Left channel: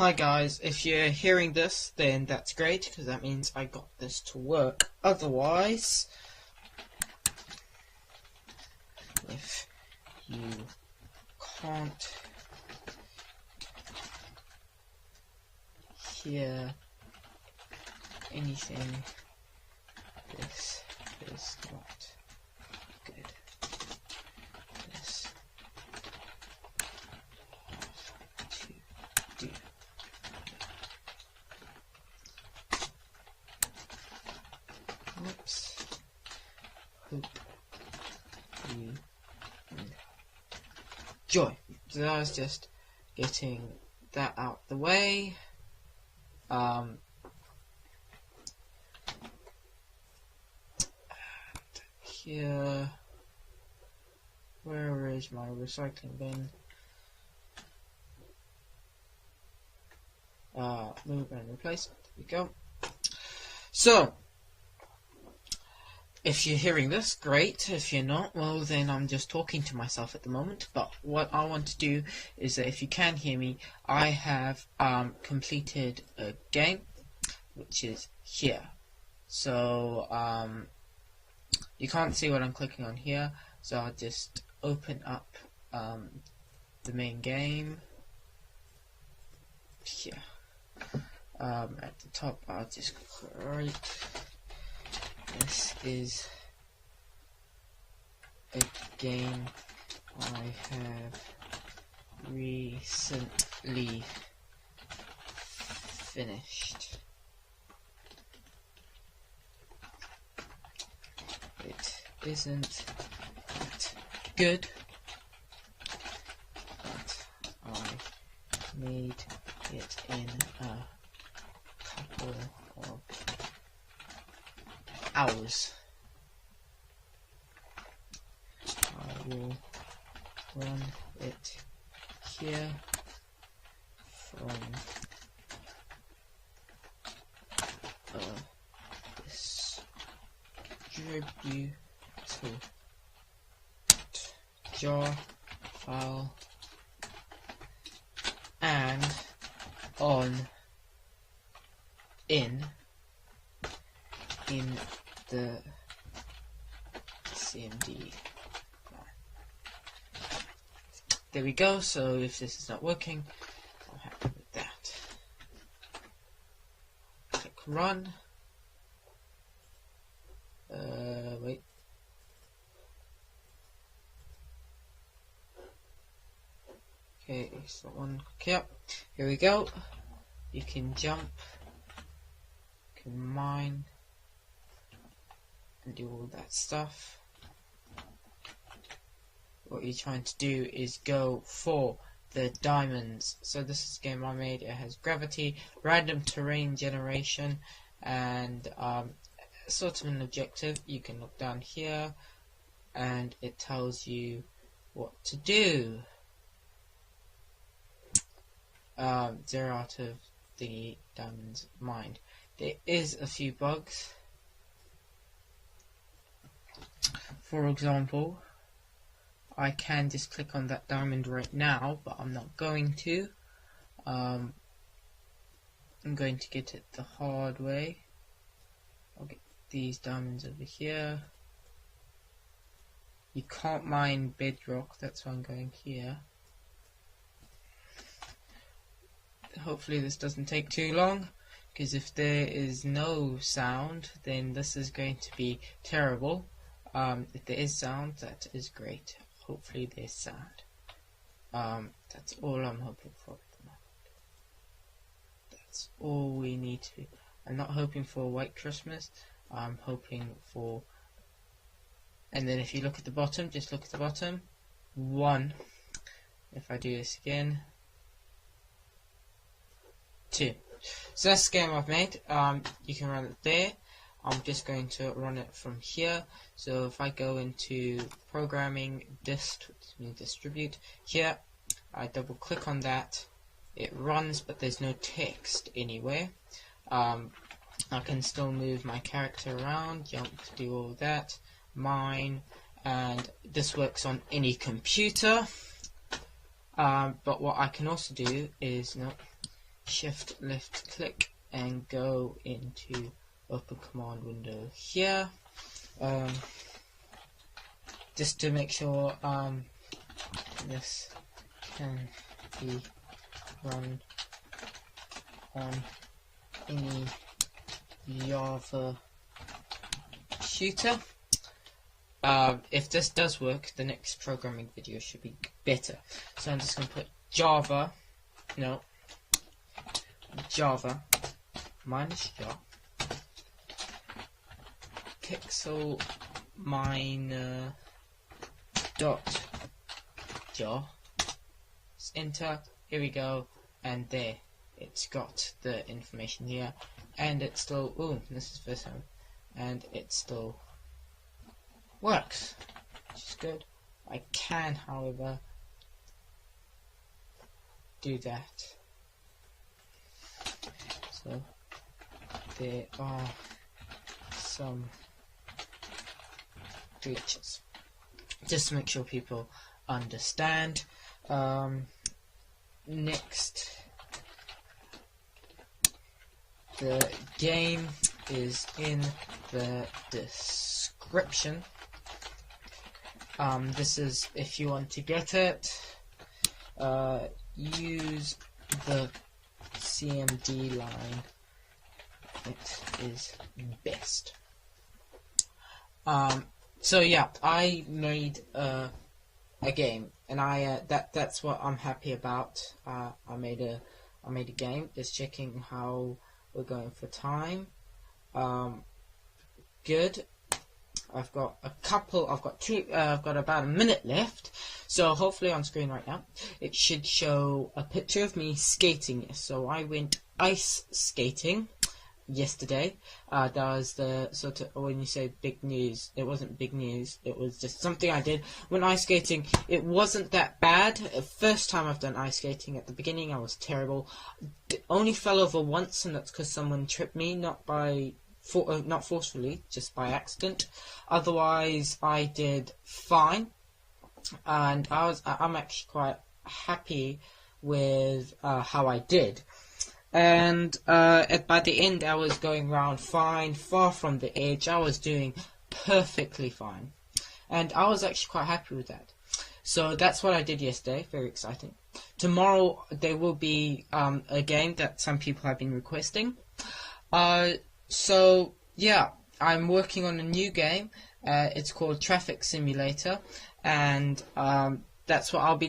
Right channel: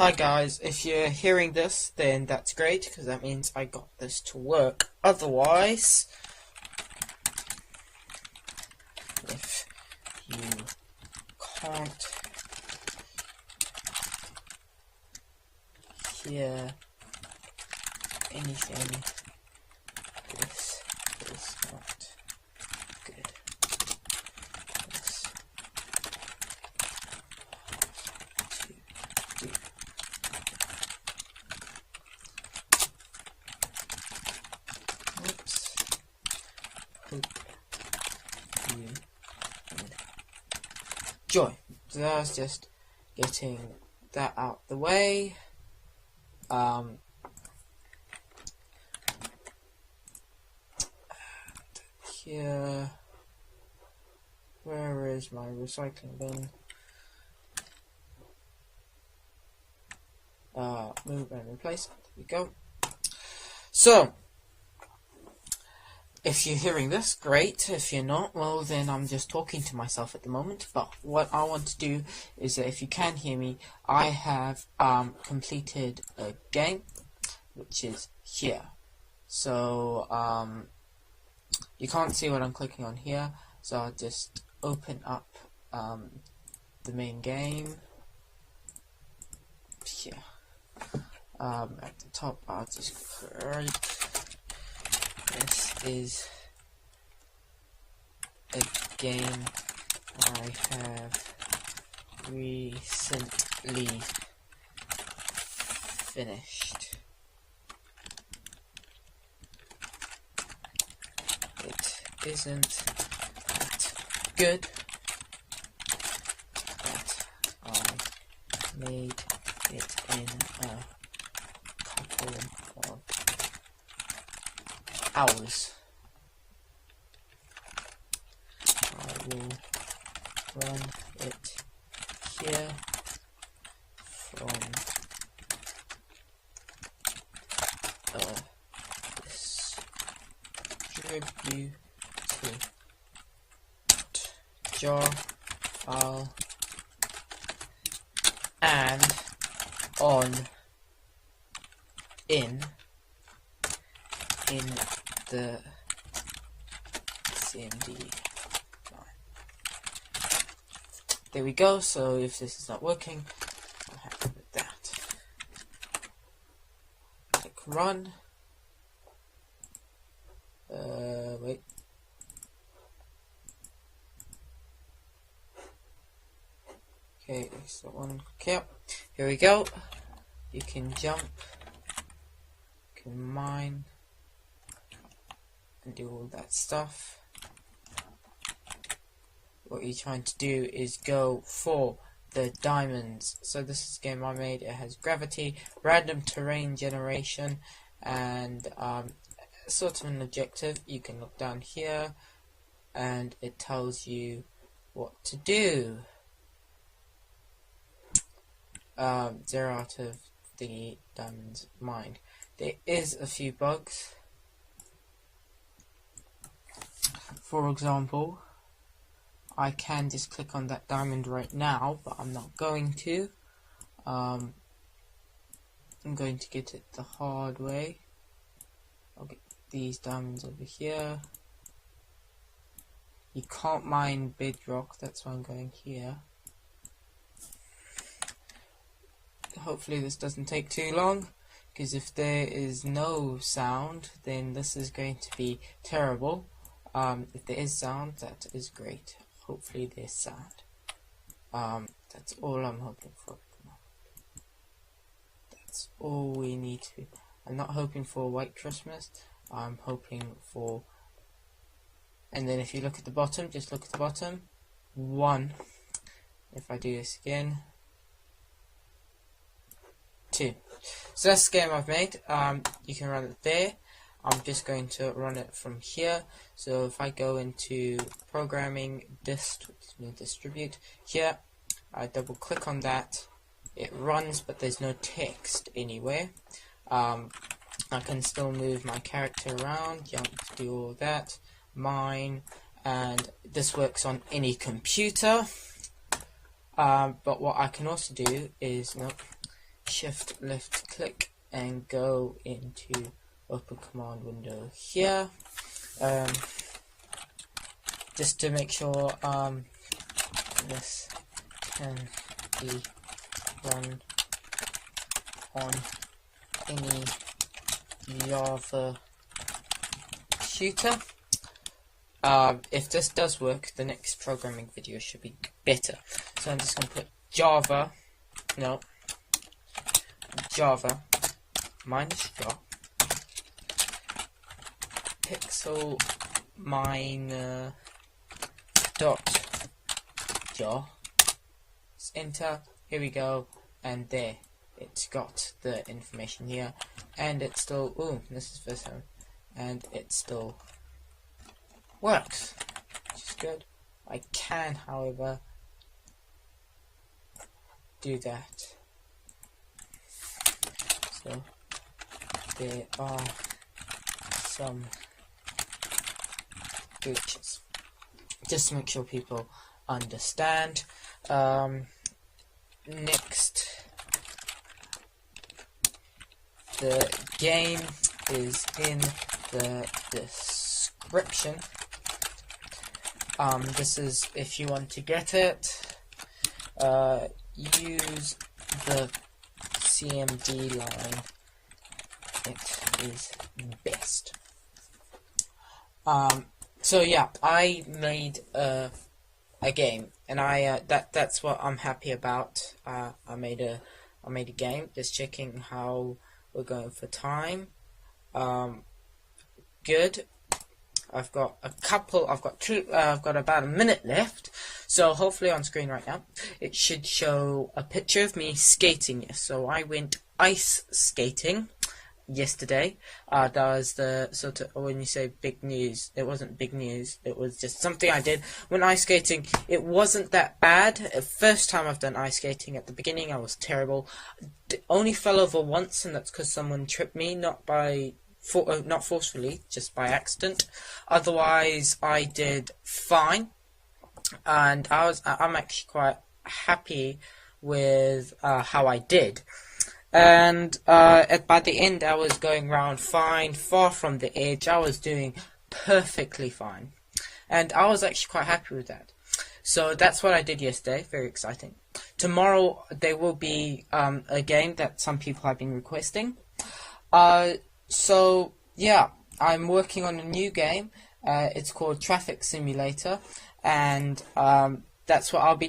Hi guys, if you're hearing this, then that's great, because that means I got this to work. Otherwise, if you can't hear anything, this is not good. This to do. Oops. Hope you enjoy. So I was just getting that out the way. Here, where is my recycling bin? Move and replace. There we go. So, if you're hearing this, great. If you're not, well then I'm just talking to myself at the moment. But what I want to do is that if you can hear me, I have completed a game, which is here. So you can't see what I'm clicking on here, so I'll just open up the main game here. At the top, I'll just right. This is a game I have recently finished. It isn't that good, but I made it in a couple of hours. I will run it here from distributed jar file and on in the CMD. There we go. So if this is not working, I'm happy with that. Click run. Wait. Okay, that's the one. Okay, here we go. You can jump, you can mine, and do all that stuff. What you're trying to do is go for the diamonds. So this is a game I made. It has gravity, random terrain generation, and sort of an objective. You can look down here and it tells you what to do. 0 out of the diamonds mined. There is a few bugs. For example, I can just click on that diamond right now, but I'm not going to. I'm going to get it the hard way. I'll get these diamonds over here. You can't mine bedrock, that's why I'm going here. Hopefully this doesn't take too long, because if there is no sound, then this is going to be terrible. If there is sound, that is great. Hopefully there's sound. That's all I'm hoping for. That's all we need to. I'm not hoping for a white Christmas. I'm hoping for. And then if you look at the bottom, just look at the bottom. 1. If I do this again. 2. So that's the game I've made. You can run it there. I'm just going to run it from here. So if I go into programming distribute here, I double click on that, it runs, but there's no text anywhere. I can still move my character around, jump, do all that, mine, and this works on any computer. But what I can also do is, look, shift left click and go into open command window here, just to make sure this can be run on any Java shooter. If this does work, the next programming video should be better. So I'm just going to put Java minus jar pixel minor dot jar. Let's enter. Here we go, and there it's got the information here, and it's still, ooh, this is first time, and it still works, which is good. I can, however, do that. So there are some glitches, just to make sure people understand. Next, the game is in the description. This is if you want to get it. Use the CMD line. It is best. So yeah, I made a game, and that's what I'm happy about. I made a game. Just checking how we're going for time. Good. I've got about a minute left, so hopefully on screen right now it should show a picture of me skating. So I went ice skating yesterday. That was the sort of, when you say big news, it wasn't big news, it was just something I did. When ice skating, it wasn't that bad. First time I've done ice skating. At the beginning I was terrible. Only fell over once, and that's because someone tripped me, not forcefully, just by accident. Otherwise I did fine, and I'm actually quite happy with how I did. And by the end I was going round fine, far from the edge. I was doing perfectly fine, and I was actually quite happy with that. So that's what I did yesterday. Very exciting. Tomorrow there will be a game that some people have been requesting. So yeah, I'm working on a new game. It's called Traffic Simulator, and that's what I'll be doing.